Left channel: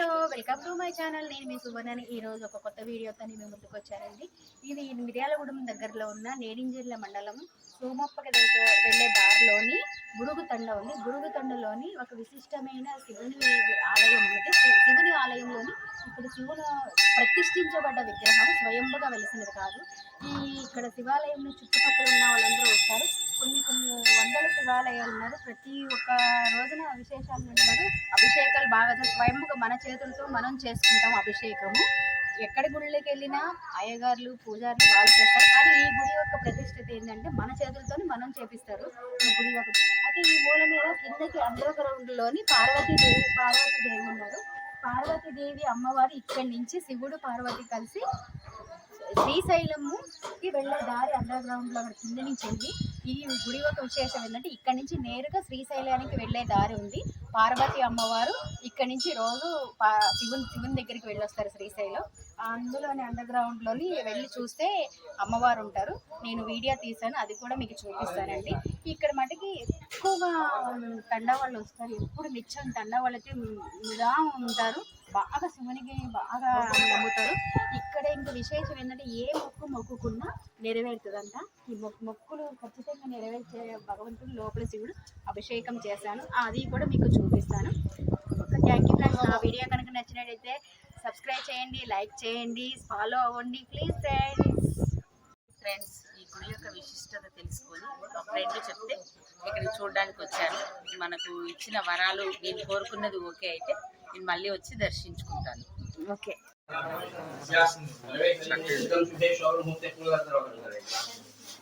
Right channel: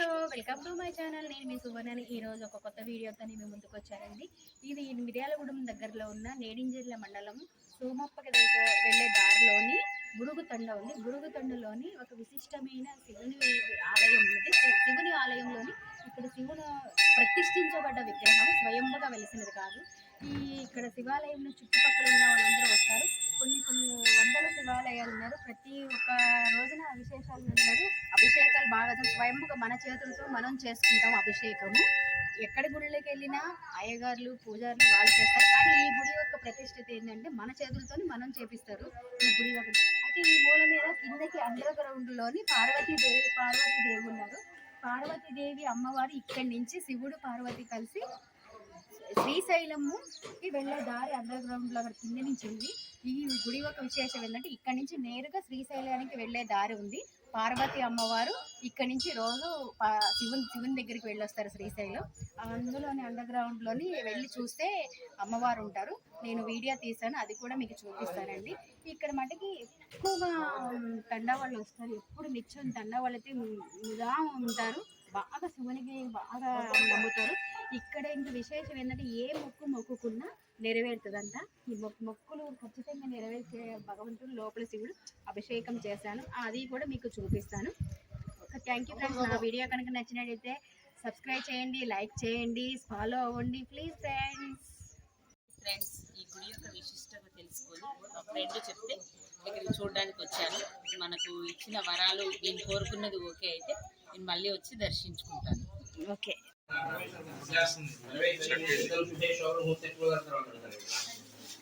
Hello welcome to my channel. నేను మీ సువర్ణని. ఈ రోజు ఒక కొత్త వీడియోతో నేను ముందుకు వచ్చానండి. ఇది మిర్యాలగూడెం దగ్గరలో ఉన్న నేడింజర్ల మండలం సోమప్పకి వెళ్ళే దారిలోని గుడుగు తండ ఉంది. గుడుగు తండలోని ఒక విశిష్టమైన శివుని ఆలయం ఉంది. శివుని ఆలయంలోని ఇక్కడ శివుని ప్రతిష్ఠించబడ్డ విగ్రహం స్వయంగా వెలిసినది కాదు. ఈ ఇక్కడ శివాలయంలో చుట్టుపక్కల ఉన్న వాళ్ళందరూ వస్తారు. కొన్ని కొన్ని వందల శివాలయాలు ఉన్నారు ప్రతి ఒక్క రోజున విశేషాలు ఉన్నారు అభిషేకాలు బాగా స్వయంగా మన చేతులతో మనం చేసుకుంటాం అభిషేకము. ఎక్కడి గుళ్ళకి వెళ్ళినా అయ్యగారులు పూజారులు వాళ్ళు చేస్తారు. కానీ ఈ గుడి యొక్క ప్రతిష్టత ఏంటంటే మన చేతులతో మనం చేపిస్తారు. ఈ గుడి యొక్క అయితే ఈ మూల మీద కిందకి అండర్గ్రౌండ్లోని పార్వతీదేవి పార్వతీదేవి ఉన్నారు. పార్వతీదేవి అమ్మవారు ఇక్కడి నుంచి శివుడు పార్వతి కలిసి శ్రీశైలముకి వెళ్ళే దారి అండర్ గ్రౌండ్లో అక్కడ కింద నుంచి ఉంది ఈ గుడి ఒక విశేషం ఏంటంటే ఇక్కడ నుంచి నేరుగా శ్రీశైలానికి వెళ్ళే దారి ఉంది. పార్వతి అమ్మవారు ఇక్కడ నుంచి రోజు పా- శివుని శివుని దగ్గరికి వెళ్ళొస్తారు శ్రీశైలం. అందులోని అండర్గ్రౌండ్లోని వెళ్ళి చూస్తే అమ్మవారు ఉంటారు. నేను వీడియో తీశాను అది కూడా మీకు చూపిస్తానండి. ఇక్కడ మటుకి ఎక్కువగా తండ వాళ్ళు వస్తారు. ఎప్పుడు నిత్యం తండ వాళ్ళకి ముదా ఉంటారు. బాగా శివునికి బాగా నమ్ముతారు. ఇక్కడ ఇంకా విశేషం ఏంటంటే ఏ మొక్కు మొక్కుకున్నా నెరవేరుతుందంట. ఈ మొక్కు మొక్కులు ఖచ్చితంగా నెరవేర్చే భగవంతుడు లోపల శివుడు అభిషేకం చేశాను. అది కూడా మీకు చూపిస్తాను. థ్యాంక్ యూ ఫ్రెండ్స్ నా వీడియో కనుక నచ్చినట్టయితే సబ్స్క్రైబ్ చేయండి లైక్ చేయండి ఫాలో అవ్వండి ప్లీజ్ ఫ్రెండ్స్ ఫ్రెండ్స్ ఈ గుడి యొక్క విశిష్టత తెలుసుకొని ఒక ఫ్రెండ్ చెప్తే ఇక్కడికి చూడడానికి వచ్చాను మనకు ఇచ్చిన వరాలు నేను కోరుకున్నది ఓకే అయితే నేను మళ్ళీ వచ్చి దర్శించుకుంటాను ఓకే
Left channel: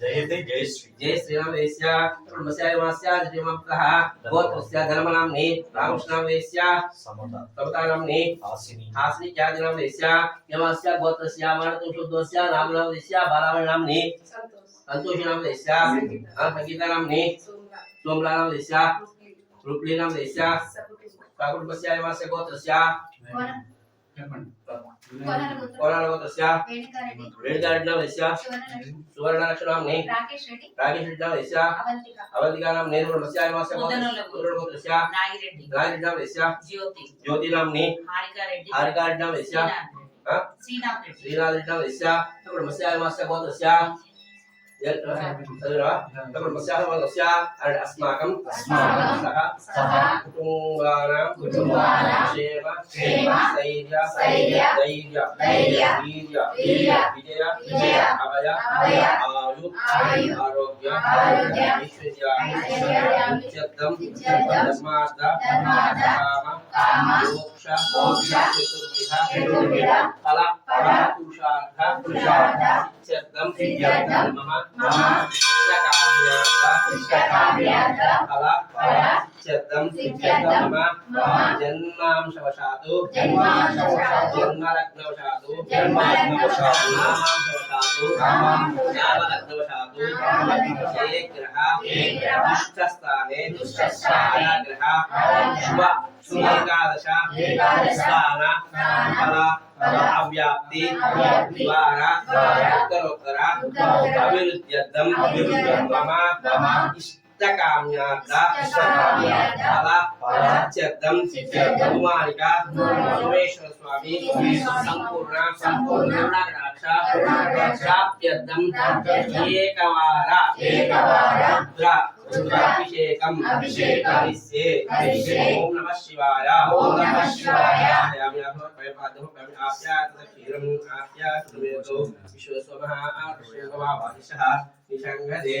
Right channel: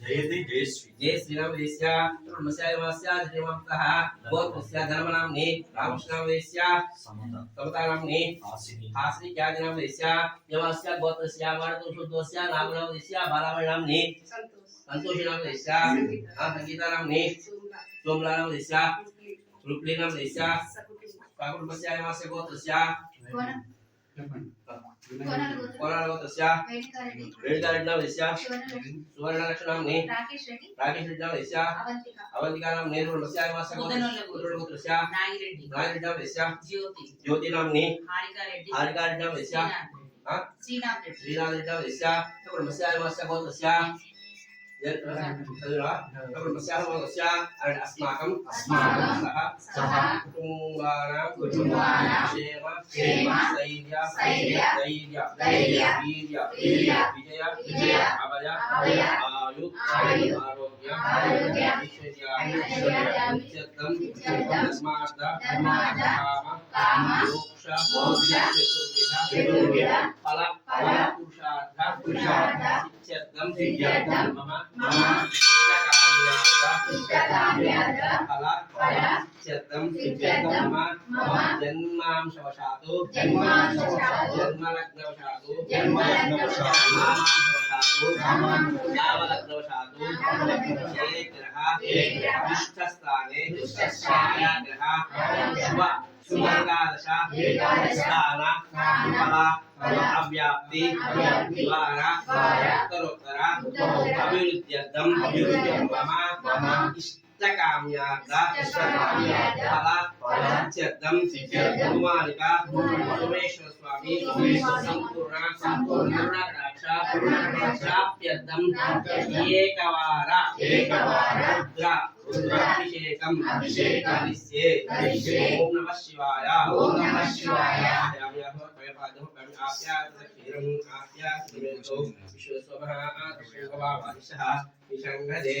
जय श्री। राम वेश्या ब्रह्मस्याय वास्या जयमाप्तः गोत्रस्य धर्मनाम्नि रामकृष्णावेश्या समता। समतानाम्नि हासिनी। हासिनी ख्यातिनामवेश्या यमास्या गोत्रस्य मानतुशुद्धस्य नामनामवेश्या बालावणाम्नि सन्तोषनामवेश्या सङ्गीतानाम्नि सोमलानामवेश्या रूपलीनामवेश्या वैश्या वास्य गोत्रस्य। సువర్ణలక్షణామ్ని రాకేష్ రెడ్డి అవంతికానాం గోత్రస్య నాగిరెడ్డి. జ్యోతి. జ్యోతినామ్ని హారికారెడ్డి. శ్రీనాథ్ ఆ? శ్రీనాథ్ రెడ్డి. గోత్రస్య అరడి అస్మాకం అస్మాకం సహ సహ కుటుంబానాం కుటుంబానాం క్షేమ క్షేమ స్థైర్య స్థైర్య ధైర్య ధైర్య వీర్య వీర్య విజయ విజయ అభయ అభయ ఆయు ఆయు ఆరోగ్య ఆరోగ్య ఐశ్వర్య ఐశ్వర్య నిత్యర్థం నిత్యర్థం ధర్మార్థ ధర్మార్థ కామ కామ మోక్ష మోక్ష చతుర్విధ చతుర్విధ ఫల ఫల పురుషార్థ పురుషార్థ సిద్ధ్యర్థం మమ మమ ఇష్టకామ్యార్థ ఫల ఫల సిద్ధ్యర్థం సిద్ధ్యర్థం మమ మమ జన్మాంశవశాతు జన్మాంశవశాతు జన్మలగ్నవశాతు జన్మలగ్నవశాతు నామాంశవశాతు నామాంశవశాతు నామలగ్నవశాతు నామలగ్నవశాతు ఏ గ్రహ ఏ గ్రహ దుష్టస్థానే దుష్టస్థానే ఆయా గ్రహ ఆయా శుభ శుభ ఏకాదశ ఏకాదశ స్థాన స్థాన ఫల अव्याप्ति द्वारा उत्तरोत्तरा अभिरुद्ध्यर्थम मम इष्टकाम्यार्था फल फलाच्यर्थम कुमारिका सोमेश्वर स्वामी संपूर्ण संपूर्ण प्राप्त्यर्थम एकवार एकवार సిద్ధ్యర్థం కుమారిక కుమారిక సోమేశ్వర స్వామి సోమేశ్వర స్వామి సంపూర్ణ సంపూర్ణ కరుణాకటాక్ష కరుణాకటాక్ష ప్రాప్త్యర్థం ప్రాప్త్యర్థం ఏకవార ఏకవార రుద్ర రుద్ర అభిషేకం అభిషేకం కరిష్యే ఓం నమః శివాయ ఓం నమః శివాయ యామి అహమ పయపాదము పయం ఆప్యాత క్షీరం ఆప్యాత సుమేతో విశ్వస్వమః ఆకృష్ణవాదిశః నిషంగదే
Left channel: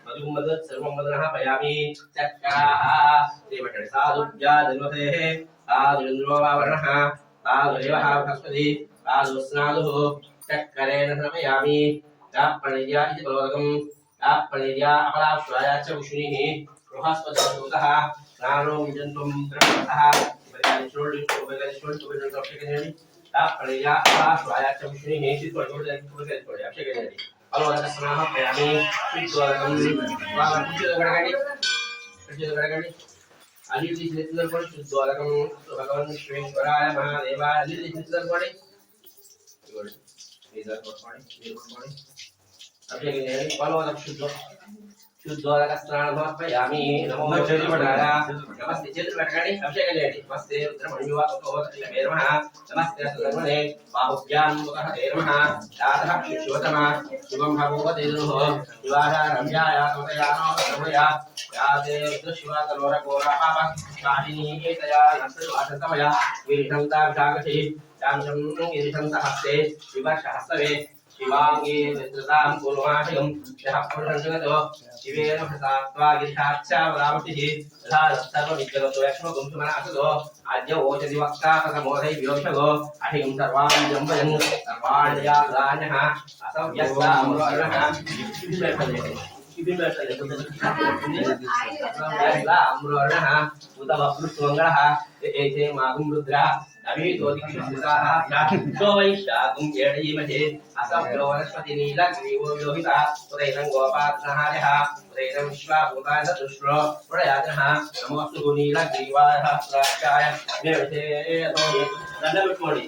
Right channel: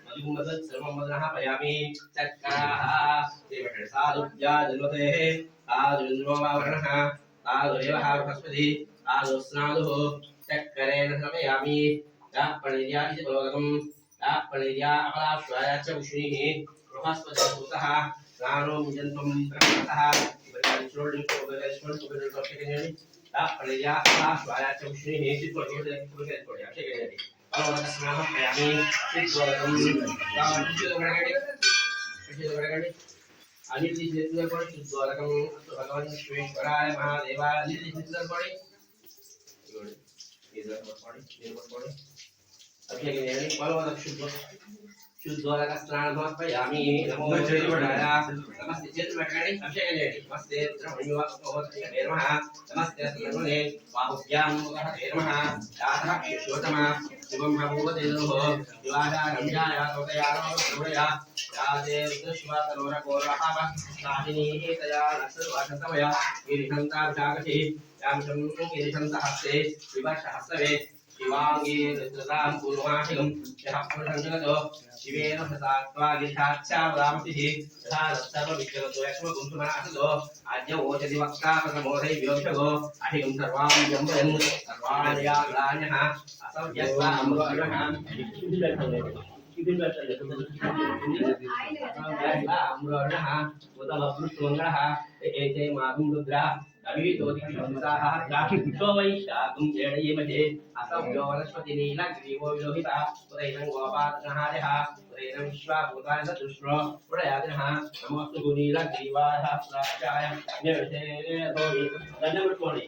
तदुम्मसत् सर्वं वदनः पयामि चक्राः देवटे साधुभ्या धन्वतेः साधुरिन्द्रो वा वर्णः साधुरेवः बृहस्पति साधुस्नादुः चक्करेण श्रमयामि दाप्पणिर्या इति बलवगं दाप्पणिर्या अपलाप्राया च विष्णुः बृहस्पतिः नानो विजन्त्वं ब्रह्मतः दाप्पणिर्या अपलाप्राया च विष्णुः चित्तोर्जोदयं कुबेकल्पोर्याक्षकेजयति అలవాటు చేస్తున్నాను అది చూడకండి అన్ని తీసుకొని శుద్ధోదకం భగవన్ శ్రీకరాయ మహాదేవ అన్ని తీసుకొని మీరు కొట్టుకోండి మీరు కొట్టుకోండి అభిషేకం చేయాలి పలవదం శుద్ధం శుద్ధోదక స్నానం సమర్పయామి నమో నమస్తే చేతులు పెట్టండి అభిషేకం చేయండి. నమస్తే రుద్రమణివా ఉపవతమే నమః నమస్తే సర్వనే బాహుభ్యాం ముఖః తే నమః యాతః శిశోతమ శుభం భగవతే దుః శివాధారంజాయ సమతయానో సమయా యాదే రుద్రశివా తలోర కోర పాప కాహిని ఏతయా నస్సువాసతమయ విరిషంతాభిషాకషి యామిషం గిరిషంతహస్తే. వివర్షహస్తవే శివాంగీ నిద్రతాం పూర్వాశయం యః పురుషంజగతో శివేన భసాత్వా గిరిషాచ్చావదామతిః యథా సర్వాం జంబయన్ అసవ్యస్త అమృతర్ణః ఉతమృత్వంగళः ఏతే మాగుం రుద్రः అభితోదిక్షితాः సోమైష్టాగుం జేడీమహే అసభ్యో వనస్పతి నీలగ్రీవో లోహిత ఉదైనం గోపాత్నహార్యः ఉదైనం విశ్వాభూతాయ దుష్ప్రో ప్రయాజः నమోస్తు నీలగ్రీవాయ ప్రాచాయ నిరతే దండం పెట్టుకోండి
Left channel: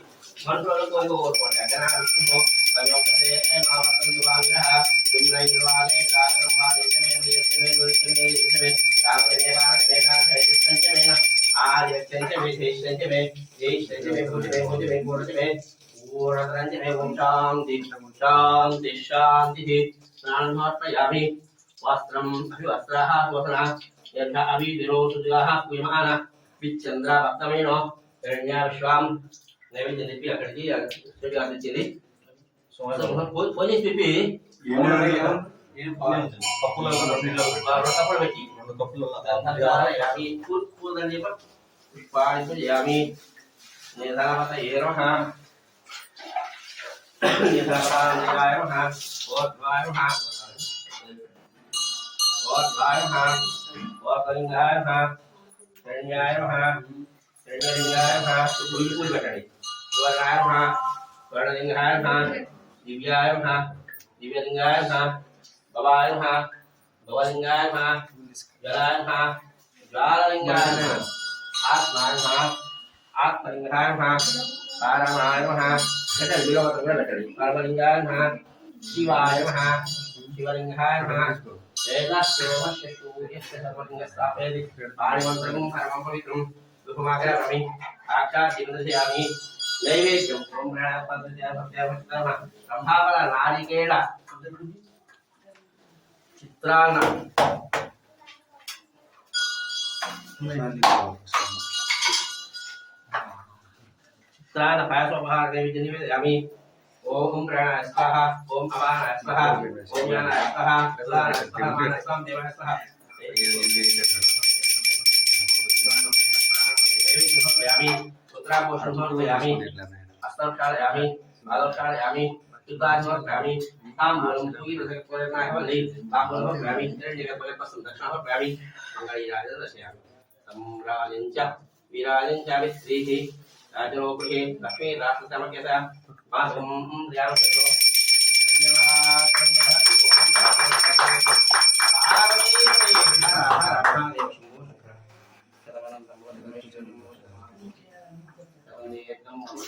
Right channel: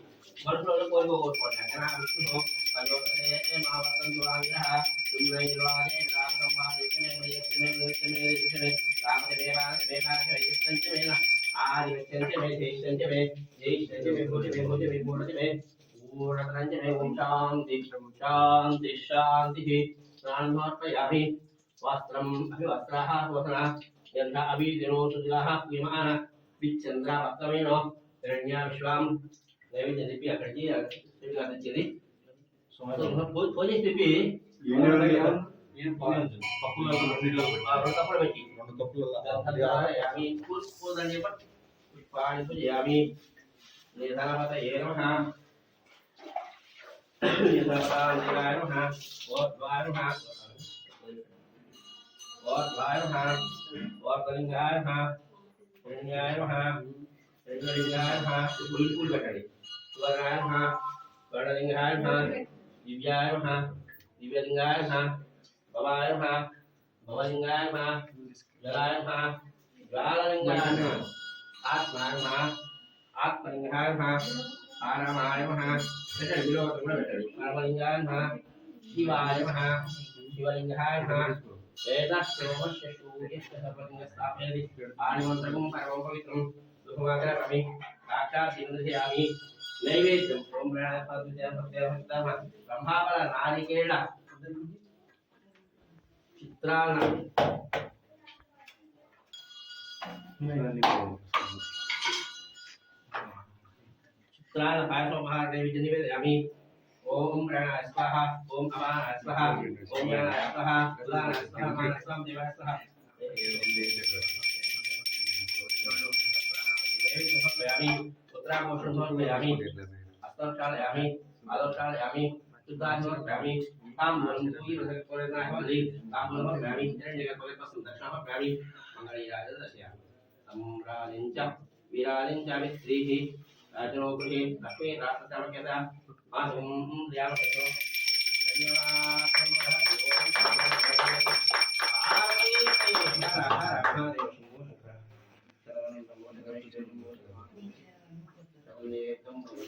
शान्तिः वस्त्रम् अभिवस्त्रः वसना यथा अभिदिरोसुजाः क्रियमाण विच्छन्द्रा भक्तमेनो हिरण्या विश्वां नैवेद्यदिपि अकर्ति अकर्ति चिन्ति ఫోన్ చేసి చెప్పి తప్పుడు పెట్టి. యామి పూర్తి పుష్పాణి పూజయామి నిధాపత ఏ నమః నిధాపతాయ నమః ఓద్వాయ నమః ఓద్వాయ నమః ఓద్లింగాయ నమః హిరణ్యాయ నమః హిరణ్యలింగాయ నమః పూజ పూజ పెట్టండి. స్వర్ణాయ నమః dịp gia em ha dịp gia linh gái em ha bà ba em ha bà ba linh gái em ha giờ là em ha giờ là linh gái em ha ác mà em ha ác mà linh gái em ha ta đang là em ha cái này video tôi nói là cái gì bà linh gái em ha chi bà em ha chi bà linh gái em ha để là số mà sẽ chú ý sẽ là mình sẽ tập về đi bà đi vào trong phải vào trong đi đúng không ạ các bạn mình ác cả thì mình sẽ làm gì நைவேத்தியம் பிரம்மாபல நாரிகேள ಚಿತ್ರಾನ್ನ ಚಿತ್ರಾನ್ನ ಪಾಯಸೋಪಹಾರ ನೈವೇದ್ಯ ನಿವೇದಯಾಮಿ ಓಂ ಪ್ರಾಣಾಯ ಸ್ವಹ ಓಂ ಅವಾನಾಯ ಸ್ವಹ ಓಂ ಪ್ರಾಣಾಯ ಸ್ವಹ ಪ್ರಾಣಾಯ ಸ್ವಹ ಮಾನ ಸ್ವಹ ದೇವಾಯ ಸ್ವಹ Prabowo Subianto ya amin. Asnaf Khan ya amin. Malam Khan ya amin. Sultan Nur ya amin. Tam Bolong Puri Rasul Kuala Naik Bali. Tam Bolong ya amin. Jadi jaga Kuala Pasum Dakshan ya amin. Mangkali Raja Rasya. Samralinca. Viralinca Vistrihi. Rajanopuhi. Lakshmi Rasa Sama Kesa. Masum Riyam Kato. Dhanyavad. Dhanyavad. Dhanyavad. Dhanyavad. Dhanyavad. Dhanyavad. Dhanyavad.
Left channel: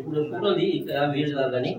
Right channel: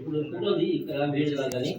ఇప్పుడు ఫోటోది ఇక్కడ video కానీ